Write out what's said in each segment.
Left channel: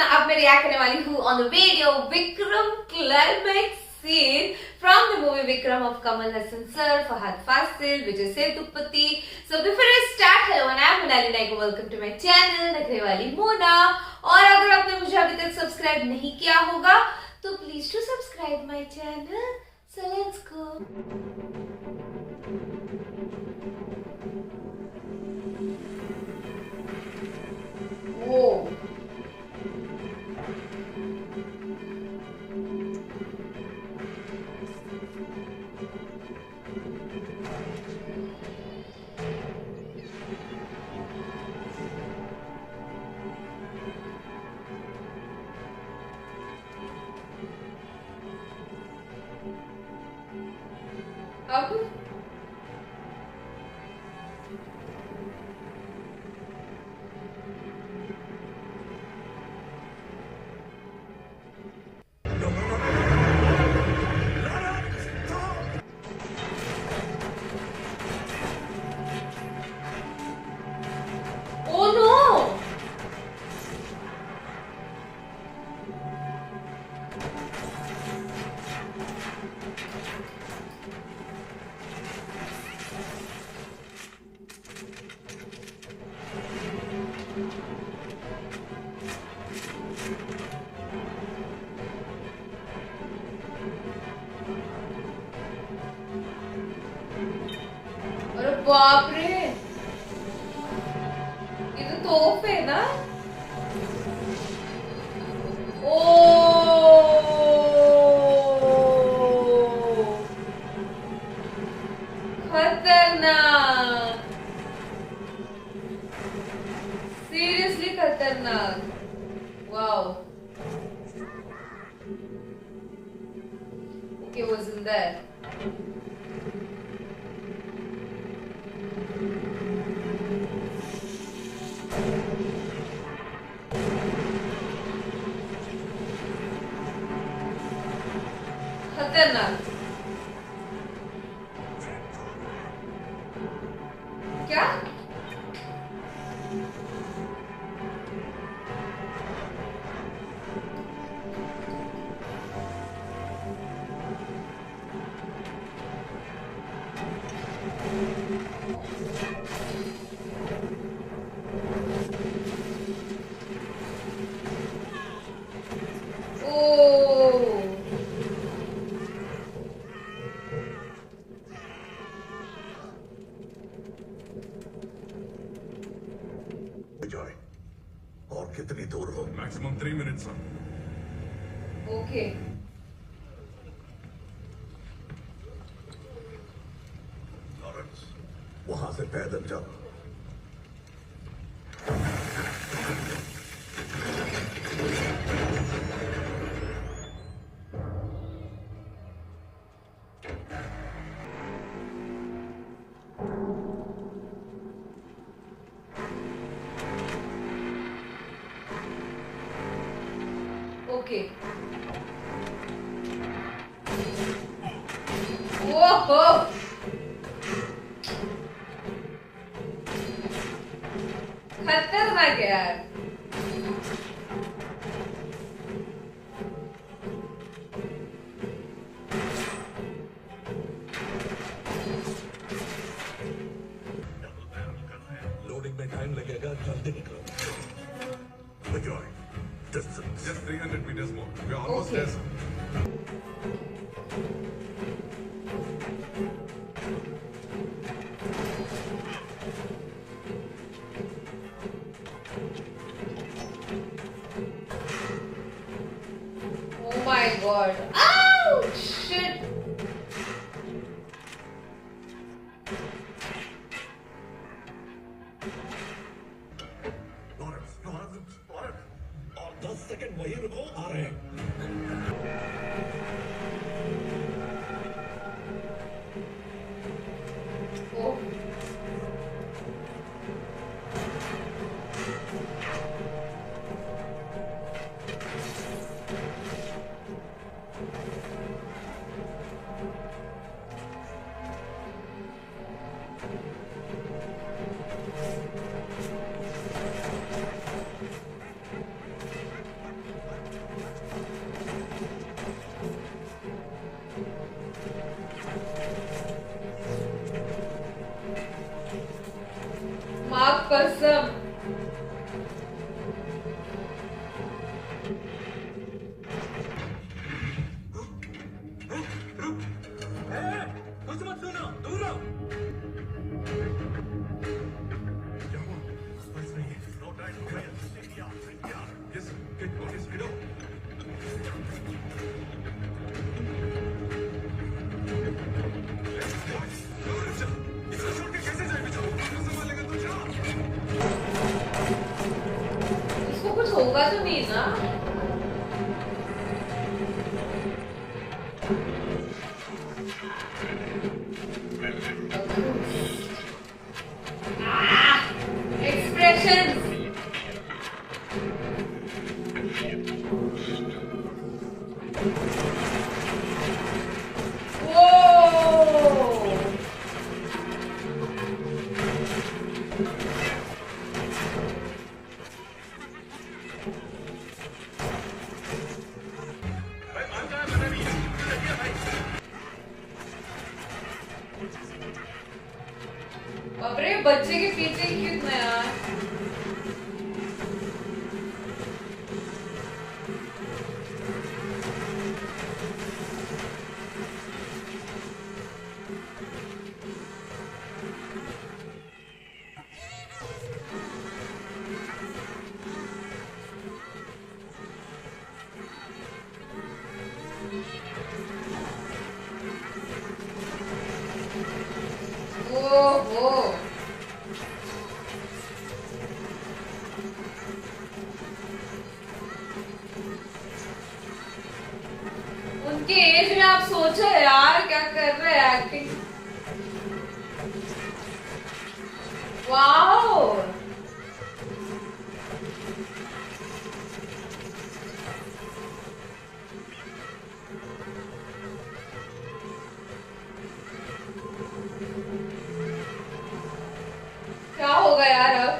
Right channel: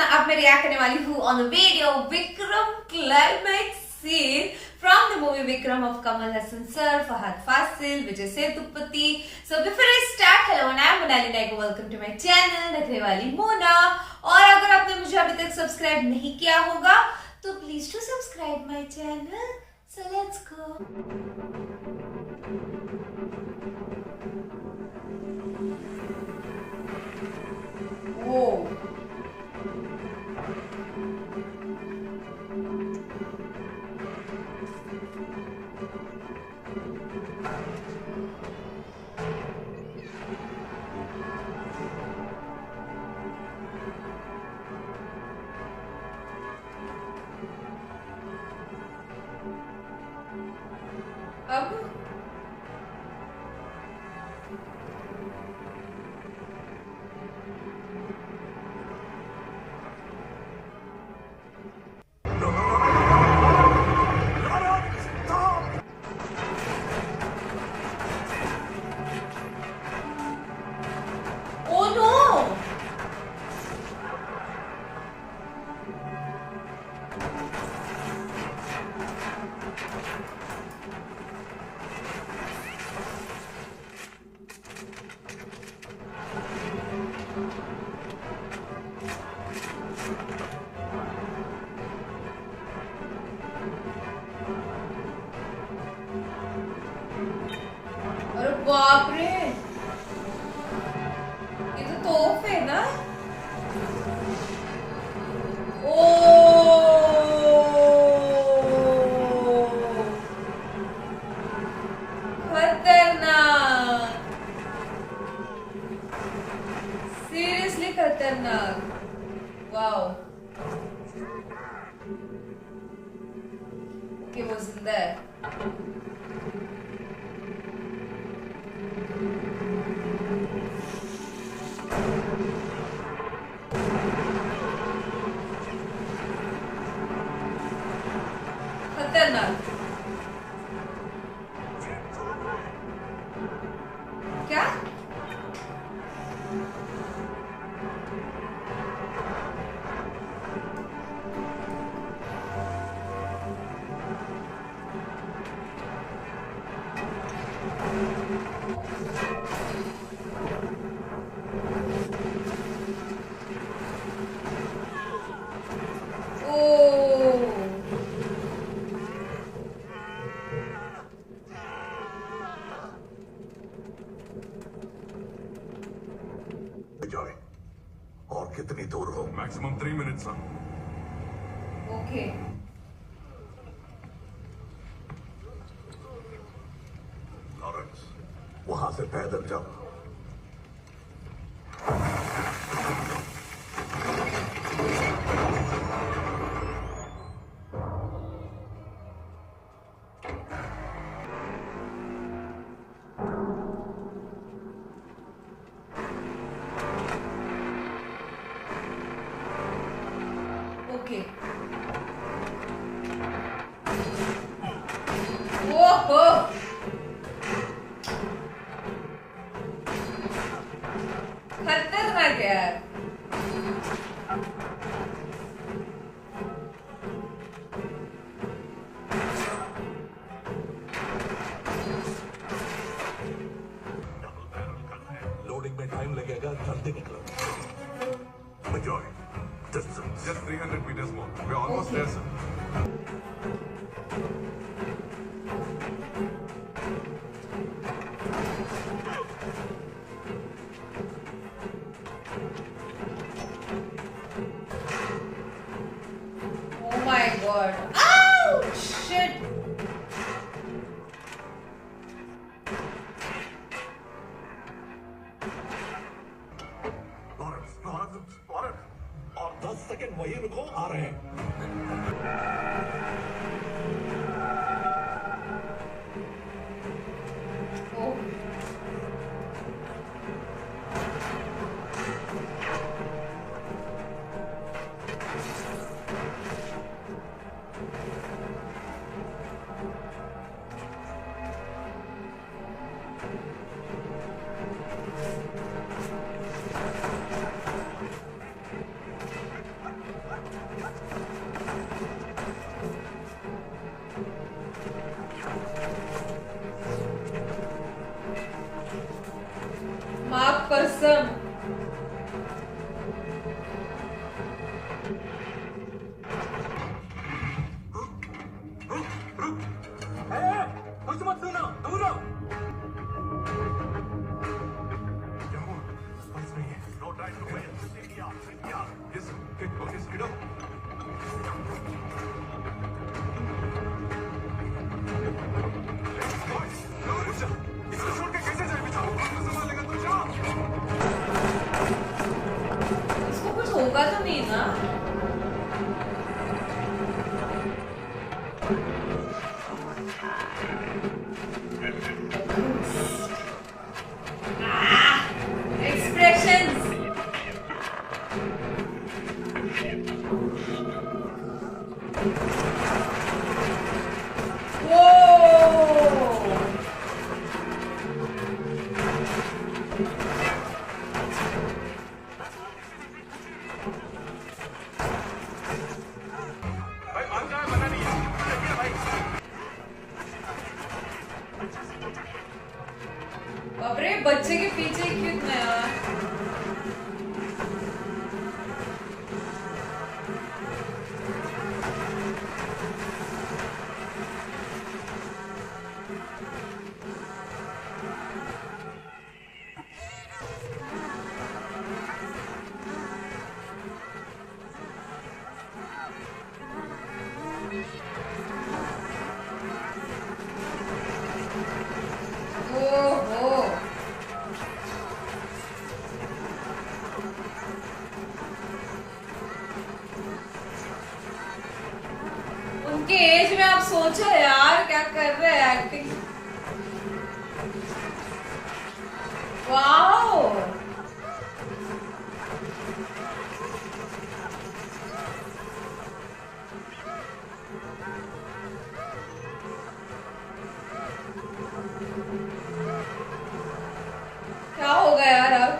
ना अब मैं रिएक्ट करने वाली हूँ on the video Vikram climax scene from the movie Vikram of Kamal Haasan sir, Fahadh Faasil, Vijay Sethupathi. So before I start, hello and I am Monali Nayak, welcome to my channel नखरे वाली मोना। और अगर आपने मुझे अभी तक सब्सक्राइब नहीं किया होगा तो please to subscribe my channel. So let's go. अब ओ नो, अरे बाप रे, ये तो तोप है ना। ओ खतरनाक, सीरियसली खतरनाक। वाओ, कि वो जिंदा है। खतरनाक। क्या जाए और कितनी दूर हो? Maximum 3 minutes sir. Okay, Lawrence, वहां से पैदल जाओ। ओके। ओहो, खतरनाक यार। लोडिंग में टाइम लगेगा, जल्दी निकलो। Enjoy. Distance. Just 300 meters more. We're almost Okay. there, sir. Oh my god. Ouch! Shit. Lawrence, Lawrence, Lawrence, और 10 सेकंड वहीं रुको, आ रहे हैं। Oh. Okay, speed up. इसको छोड़ के कैसे जाए बेचारा? संभालेगा तो जा। इसको कुछ होगा तो नहीं ना? Expressions. भाई मान जाए मना नहीं है भाई। अरे बच्चे के पीछे क्यों इतना यार? ओहो उनके एज में आप सोचो यार क्या कर रहे हैं एक्टिंग। वाओ क्या होगा यार अब?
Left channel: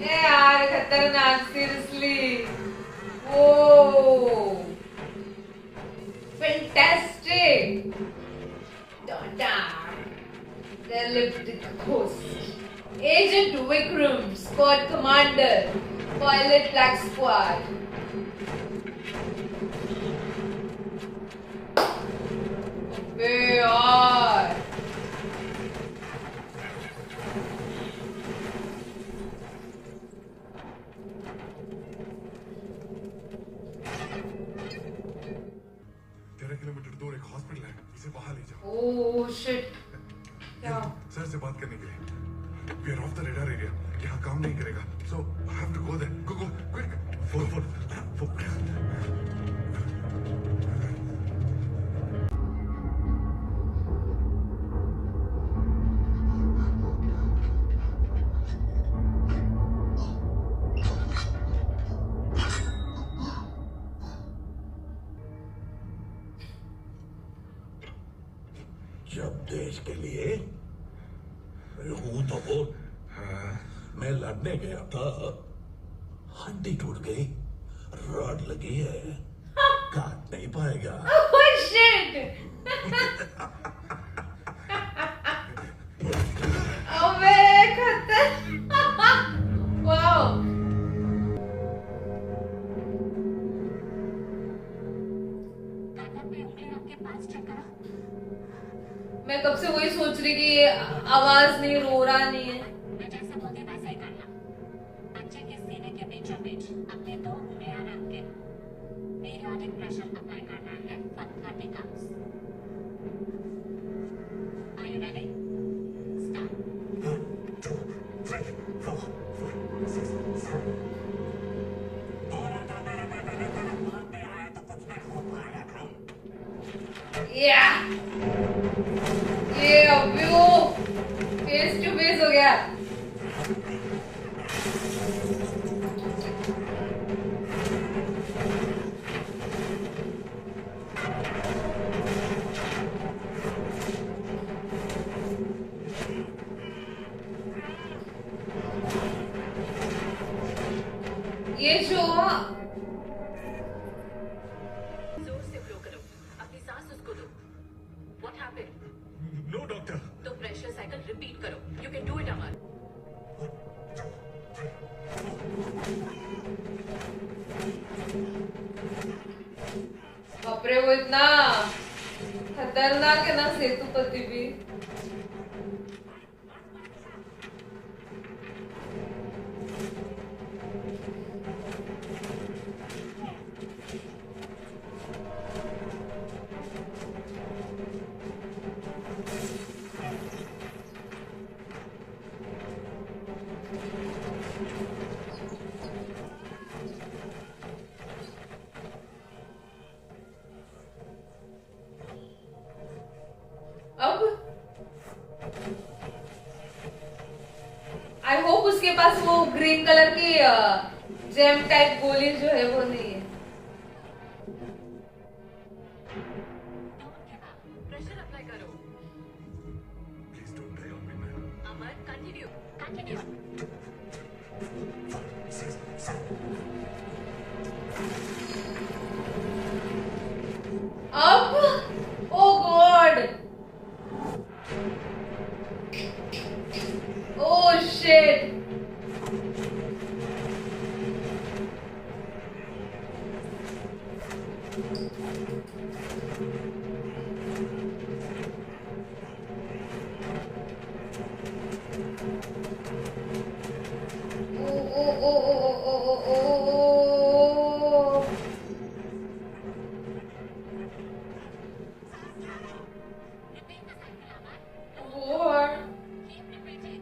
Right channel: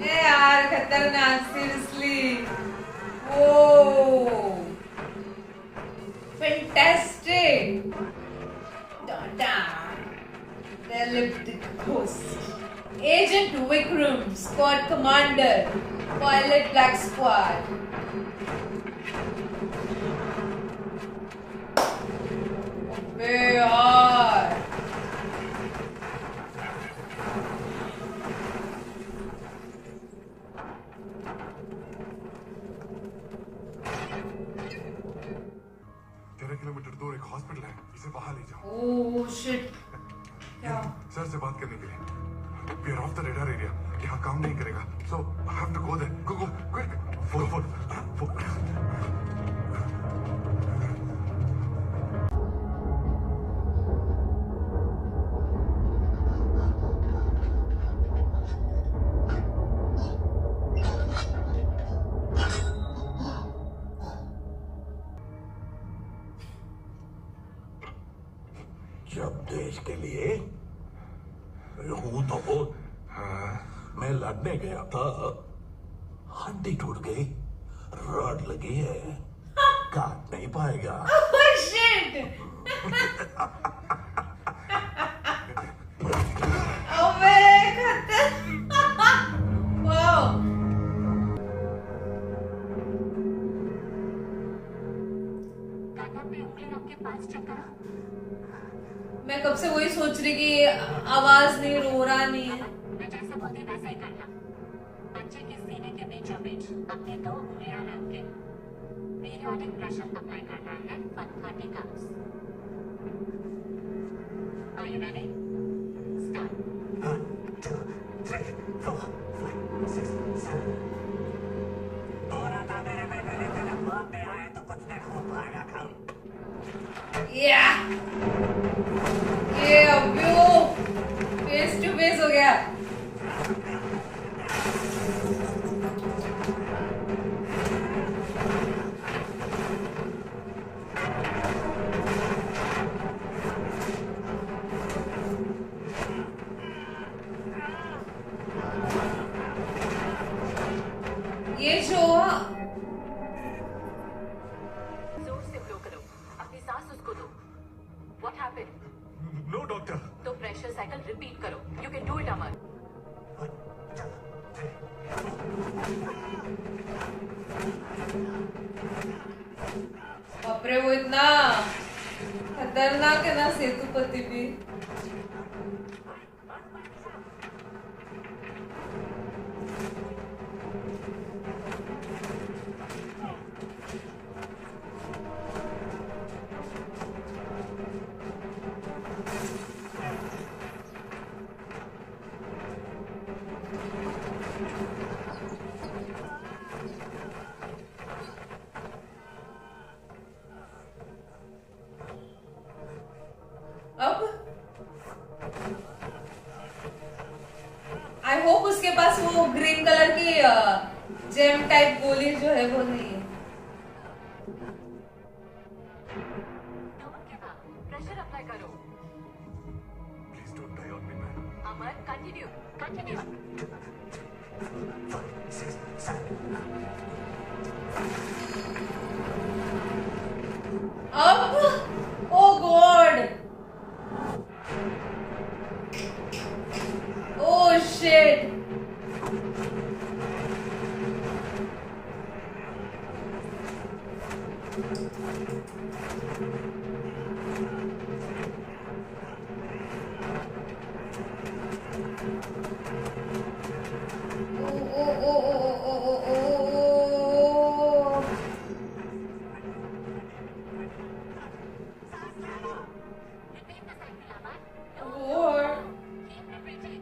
ये यार खतरनाक seriously. Oh fantastic. Their lipstick host. Agent Vikram, Squad Commander, Pilot Black Squad. अबे यार किलोमीटर दूर एक हॉस्पिटल है, इसे वहां ले जाओ। ओह शिट क्या? सर से बात करने के लिए। We are off the radar area. यहाँ काम नहीं करेगा। So I have to go there. Go, quick. Phone. जब देश के लिए हूं तो वो मैं लड़ने गया था, हड्डी टूट गई, रॉड लगी है, काट नहीं पाएगा। Oh shit! अबे खतर वाओ मैं कब से वही सोच रही कि आवाज नहीं, रो रहा नहीं है। मैं जैसा बोलती वैसा ही करना। बच्चे के सीने के बीचों बीच अपने 2 उंगलियां रख के पीरियोडिक प्रेशर अप्लाई करना है for 30 counts. Are you ready? Start. 1, 2, 3, 4, 5, 6, 7। और आता मेरे बेटे ने तेरे बाप में आया तो कुछ नहीं हो पाएगा काम। या ये अभी वो फेस टू फेस हो गया। ये जो जोर से ब्लो करो, अपनी सांस उसको दो। What happened? No, doctor. तो प्रेशर साइकिल रिपीट करो। You can do it, अमर। बाप रे, वो इतना खतरनाक है ना सेतुपति भी। अब आई होप उसके पास वो ग्रीन कलर की जेम टाइप गोली जो है वो नहीं है। Don't give up, pressure apply करो। Please don't die on me, man. Amar continue continue. अब oh God, oh shit, oh oh oh oh oh oh oh. Repeat the cycle Amar. Lord. Keep repeating,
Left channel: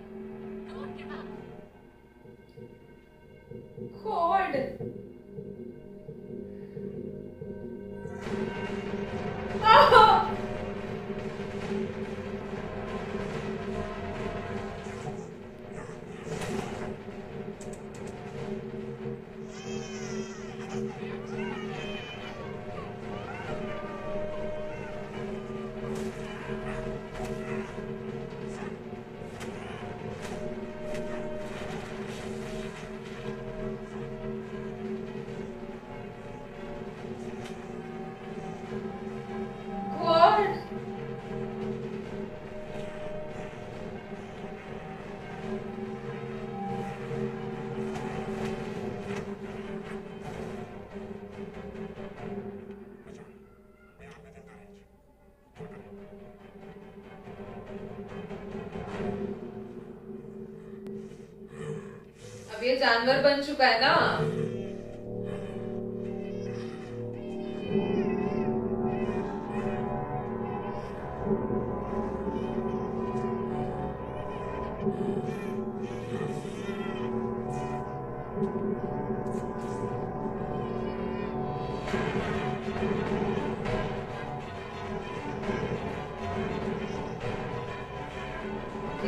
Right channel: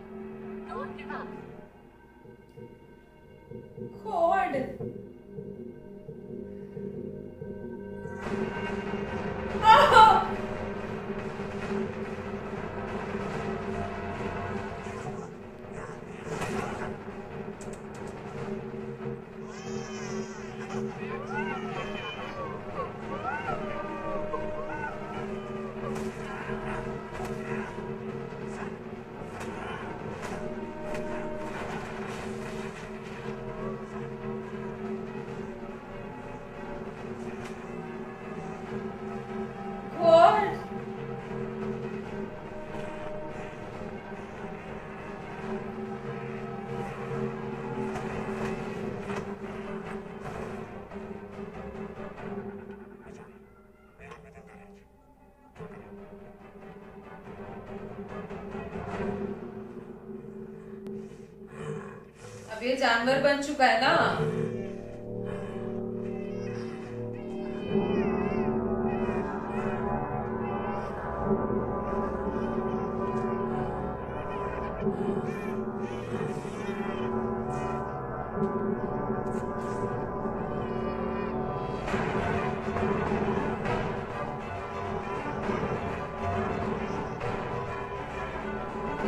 don't give up. God. Ah! God. अब ये जानवर बन चुका है ना।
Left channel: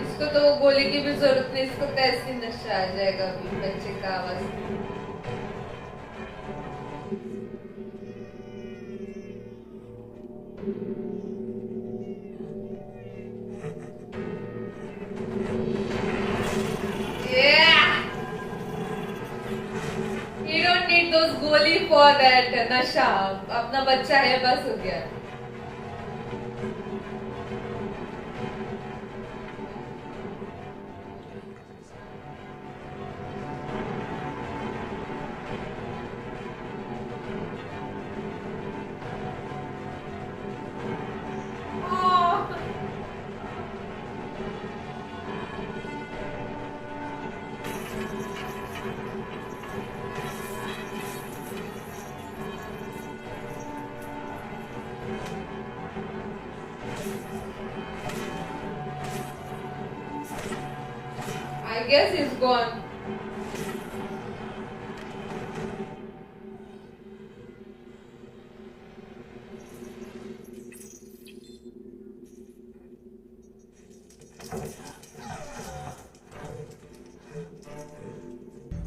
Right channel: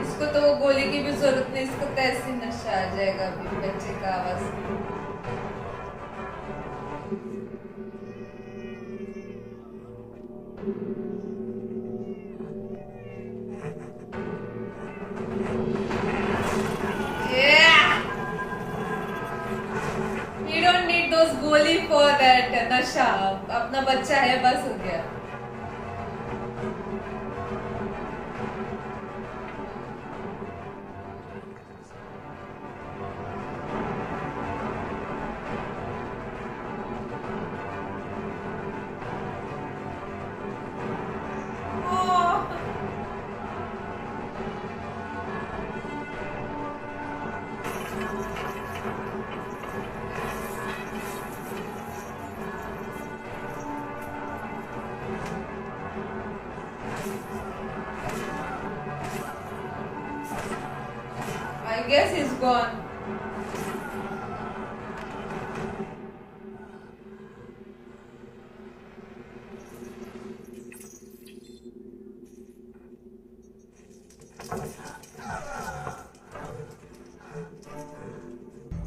इसको तो वो गोली की भी जरूरत नहीं, इसको कैसे नशा आ जाएगा अभी बच्चे का आवाज। Yeah! You don't need those गोली for that नशा, अपना बच्चा है बस हो गया। I guess he's gone.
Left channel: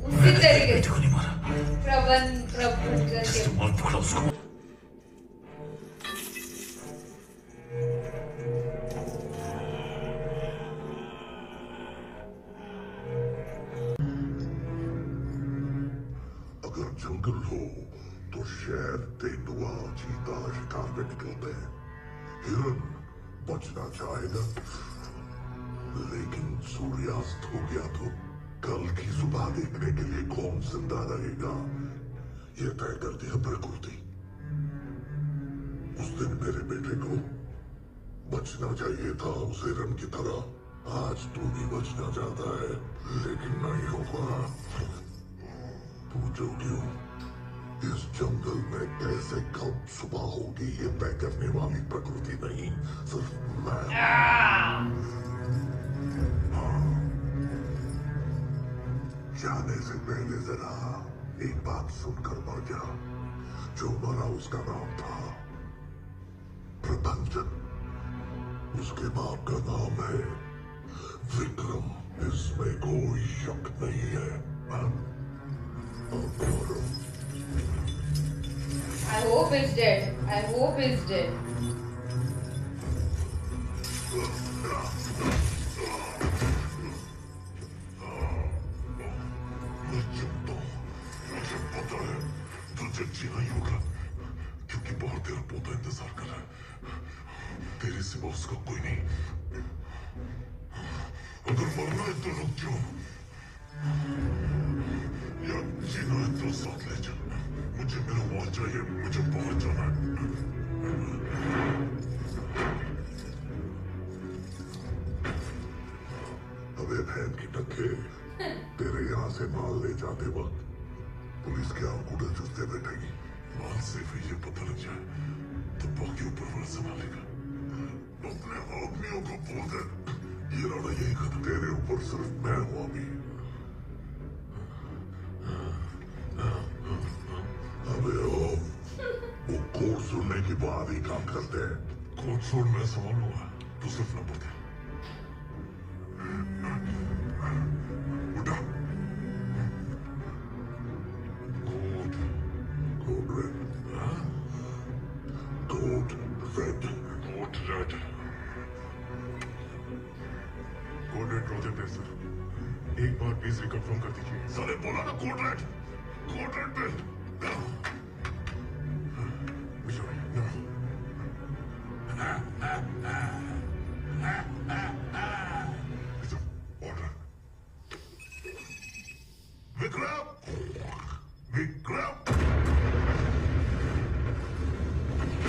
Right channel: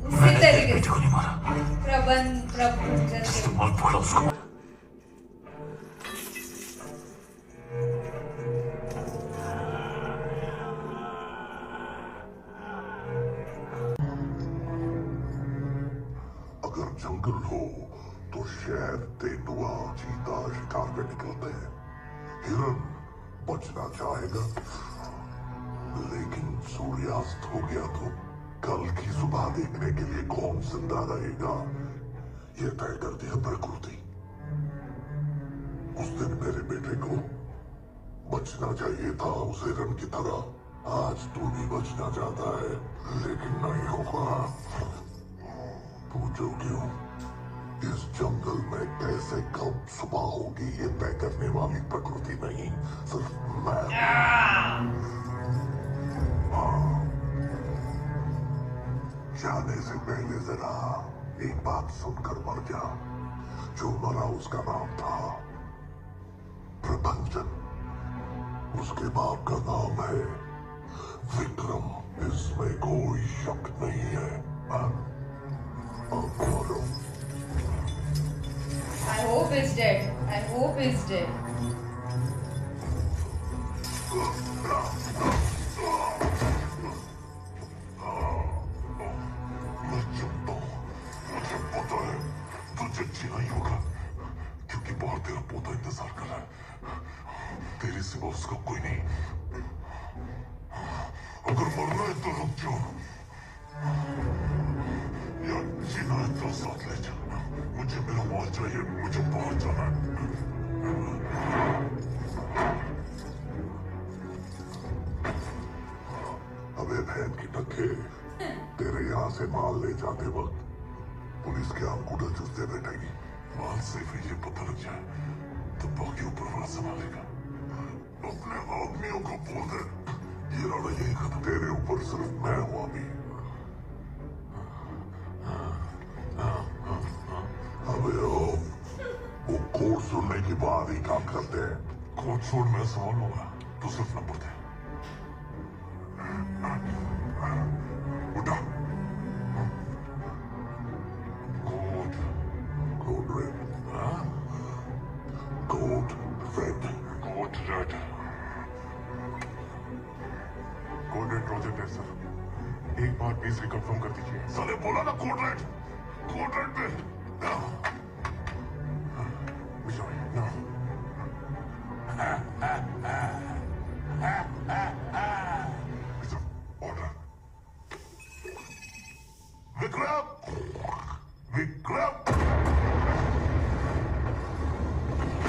उसी तरीके बेटे को नहीं मारा, प्रभु जैसे मार पकड़ा उसको। अगर जंगल हो तो शेर, तेंदुआ, चीता शिकार में निकलते हैं। हिरन बचना चाहेगा, लेकिन सूर्यास्त हो गया तो कल की सुबह देखने के लिए कौन जिंदा रहेगा, यह तय कर दिया प्रकृति। उस दिन मेरे बेटे को बचना चाहिए था उस हिरण की तरह। आज तू भी बचना चाहता है, लेकिन नहीं होगा। पूछो क्यों? इस जंगल में कैसे कब सुबह होगी ये तय करने वाली प्रकृति नहीं, सिर्फ मैं। जाने से पहले जरा एक बात सुनकर मर जा। जो मरा उसका नाम था प्रभंजन, उसके बाप का नाम है विक्रम। इसमें कोई शक नहीं है। अब मरो। I hope he's dead. I hope he's dead. मैं चुपता हूँ, मुझे पता है तुझे जीना ही होगा, क्योंकि बाहर तेरा पोता इंतजार कर रहा है। तेरे सिवा उसका कोई नहीं। अगर मरना है तो रुक जाओ, या जीना है तो साथ ले जा। मुझे मेरा माल चाहिए, मुझे बाहर जाना है। अबे बहन की टक्के, तेरे यहाँ से माल ले जाते वक्त पुलिस के आंकूडे चुसते बैठेगी। माल से फिर ये पता लग जाए तो बाकी ऊपर वाला संभालेगा। अपने आदमियों को बोल दे ये लड़ाई यही खत्म। तेरे ऊपर सिर्फ मैं हूं अभी। अबे वो कोड सुनने के बाद ही काम करते हैं। कोड सुन मैं संभाल लूंगा, तू सिर्फ नंबर दे। उठा। Code red. Code red. Code red. Code red project है सर। एक बार प्लीज रिकन्फर्म कर दीजिए। साले बोला ना कोड रेड। कोड रेड पे Vikram. Vikram.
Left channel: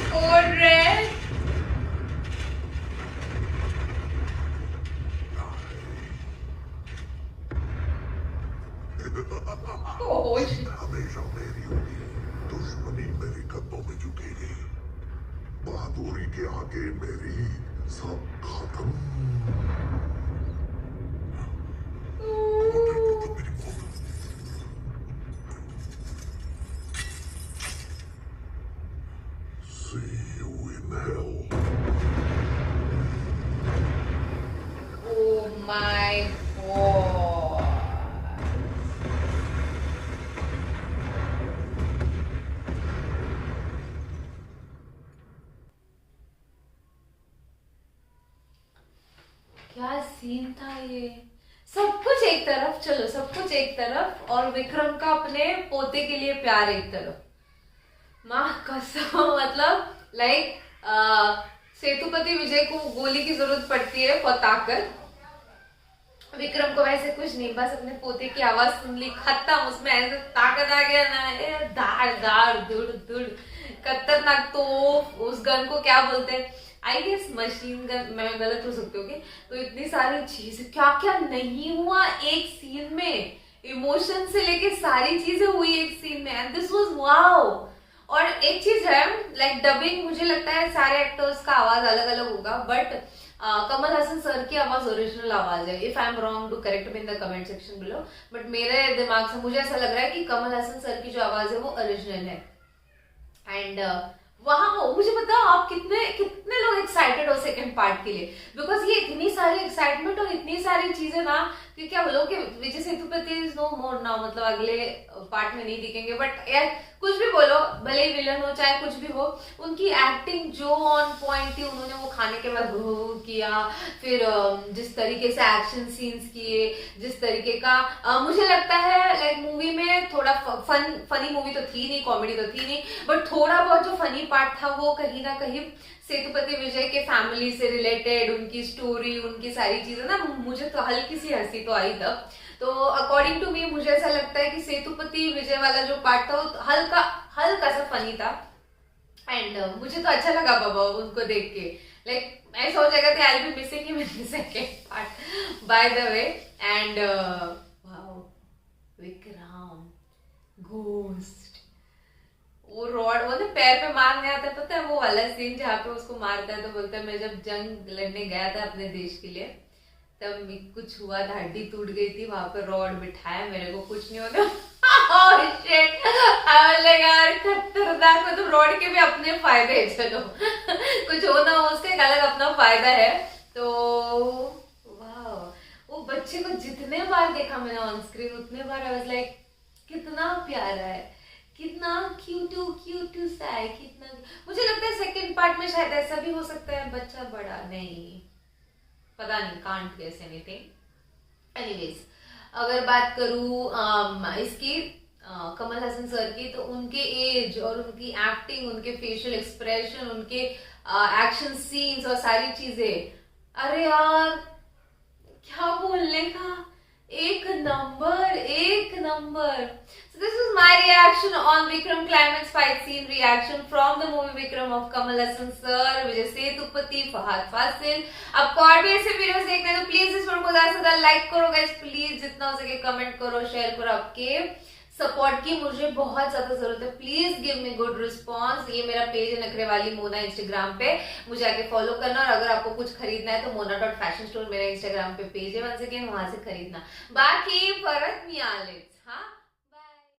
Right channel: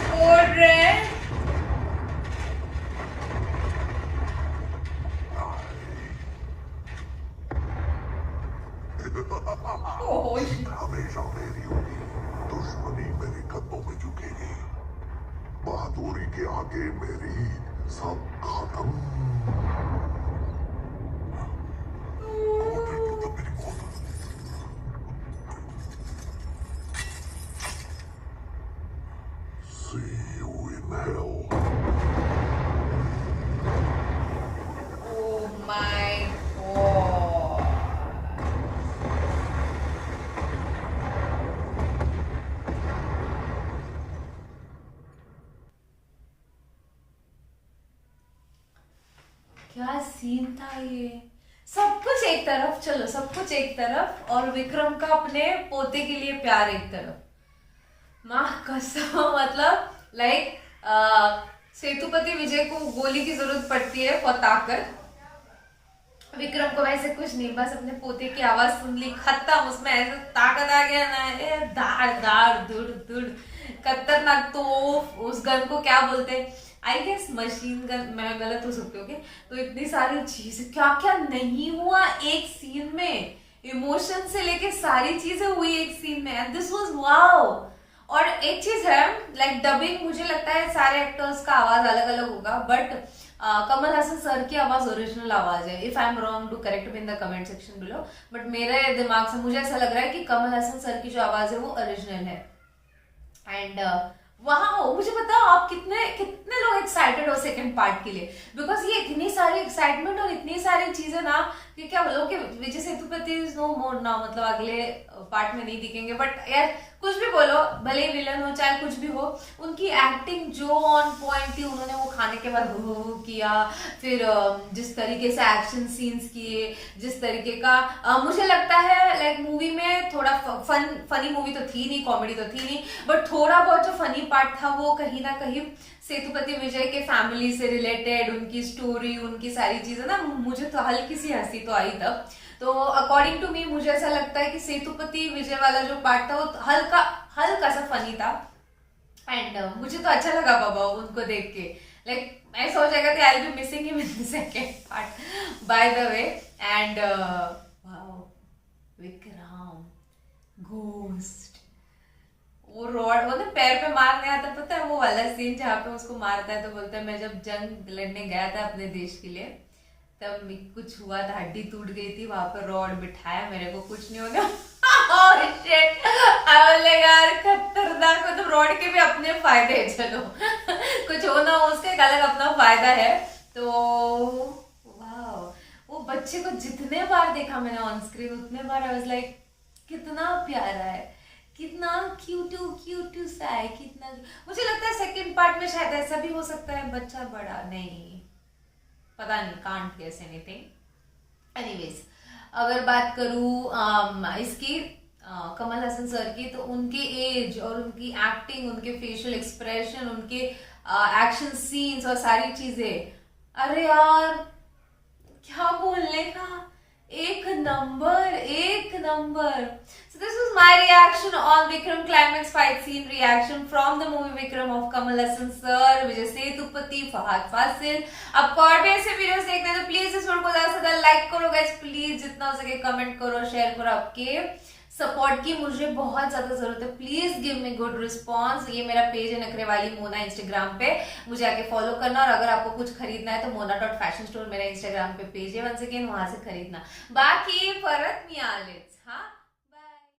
Code Red. Oh, हमेशा मेरी होगी। दुश्मनी मेरे कदमों में झुकेगी। बहादुरी के आगे मेरी सब खत्म। मेरी मौत। See you in hell. oh my God. क्या सीन था ये। सब कुछ एक तरफ, चलो सब कुछ एक तरफ, और विक्रम का अपने पोते के लिए प्यार एक तरफ। माँ कसम, मतलब लाइक सेतुपति विजय को गोली की जरूरत पड़ती है फॉर ताकत, विक्रम को वैसे कुछ नहीं, बस अपने पोते की आवाज सुन ली, खत्म। उसमें ऐसे ताकत आ गया ना, दाड़ दाड़ दुड़ दुड़, खतरनाक। तो उस गन को क्या बोलते हैं, आई गेस मशीन गन, मैं गलत हो सकती हूँ। तो इतनी सारी चीजें, क्या क्या नहीं हुआ एक सीन में, इमोशन से लेके सारी चीजें हुई एक सीन में, एंड दिस वाज वाओ। और एक चीज है, लाइक डबिंग, मुझे लगता है सारे एक्टर्स का आवाज अलग अलग होगा, बट कमल हसन सर की आवाज ओरिजिनल आवाज है। If I am wrong to correct me in the comment section below, but मेरे दिमाग से मुझे ऐसा लग रहा है कि कमल हसन सर की जो आवाज है वो ओरिजिनल है। एंड वहां मुझे बताओ आप कितने लोग एक्साइटेड हो सेकंड पार्ट के लिए, बिकॉज ये इतनी सारी एक्साइटमेंट और इतनी सारी चीजें ना, कि क्या बोलो कि Vijay Sethupathi is no more now, मतलब अगले पार्ट में नहीं दिखेंगे। बट यार कुछ भी बोलो, भले ही विलन हो चाहे कुछ भी हो, उनकी एक्टिंग जो ऑन पॉइंट थी, उन्होंने वो खाने के बाद किया, फिर जिस तरीके से एक्शन सीन्स किए, जिस तरीके का मुझे लगता है लाइक मूवी में थोड़ा फनी मूवी तो थी नहीं, कॉमेडी तो थी नहीं, बट थोड़ा बहुत जो फनी पार्ट था वो कहीं ना कहीं सेतुपति विजय के फैमिली से रिलेटेड, उनकी स्टोरी, उनकी सारी चीजें ना, मुझे तो हल्की सी हंसी तो आई तब। तो अकॉर्डिंग टू मी मुझे ऐसा लगता है कि सेतुपति विजय वाला जो पार्ट था वो हल्का सा फनी था, एंड मुझे तो अच्छा लगा बाबा उनको देख के, लाइक मैं सोच रहा थी I will be missing him in the second part by the way. And wow, Vikram ghost, वो रॉड वो ना पैर पे मारने आता, पता है वो वाला सीन जहाँ पे उसको मारता है तो बोलता है मैं जब जंग लड़ने गया था अपने देश के लिए तब कुछ हुआ था, हड्डी टूट गई थी, वहां पर रॉड बिठाया, मेरे को कुछ नहीं होने। oh shit! यार खतरनाक, मतलब रॉड के भी अपने फायदे हैं, चलो कुछ हो ना हो उसका एक अलग अपना फायदा है। तो वाह, वो बच्चे को जितने बार देखा मैंने ऑन स्क्रीन उतने बार आई वाज लाइक कितना प्यारा है, कितना क्यूट सा है, कितना। मुझे लगता है सेकंड पार्ट में शायद ऐसा भी हो सकता है, बच्चा बड़ा नहीं, पता नहीं, कांट गेस एनीथिंग। एनीवेज, अगर बात करूँ इसकी कमल हसन सर की, तो उनके एज और उनकी एक्टिंग, उनके फेशियल एक्सप्रेशन, उनके एक्शन सीन्स और सारी चीजें, अरे यार क्या बोलने का, एक number. So this was my reaction on Vikram climax fight scene reaction from the movie Vikram of Kamal Hassan sir, Vijay Sethupathi, Fahad Faasil. आपको और भी ऐसे वीडियोस देखने हैं तो प्लीज इस वीडियो को ज्यादा से ज्यादा लाइक करो गाइस, प्लीज जितना हो सके कमेंट करो, शेयर करो। आपके सपोर्ट की मुझे बहुत ज्यादा जरूरत है, please give me good response. ये मेरा पेज है नखरे वाली मोना इंस्टाग्राम पे, मुझे आके फॉलो करना। और अगर आपको कुछ खरीदना है तो mona.fashion store मेरा इंस्टाग्राम पे पेज है, वंस अगेन वहां से खरीदना। बाकी फरत मियालिट्स, हाँ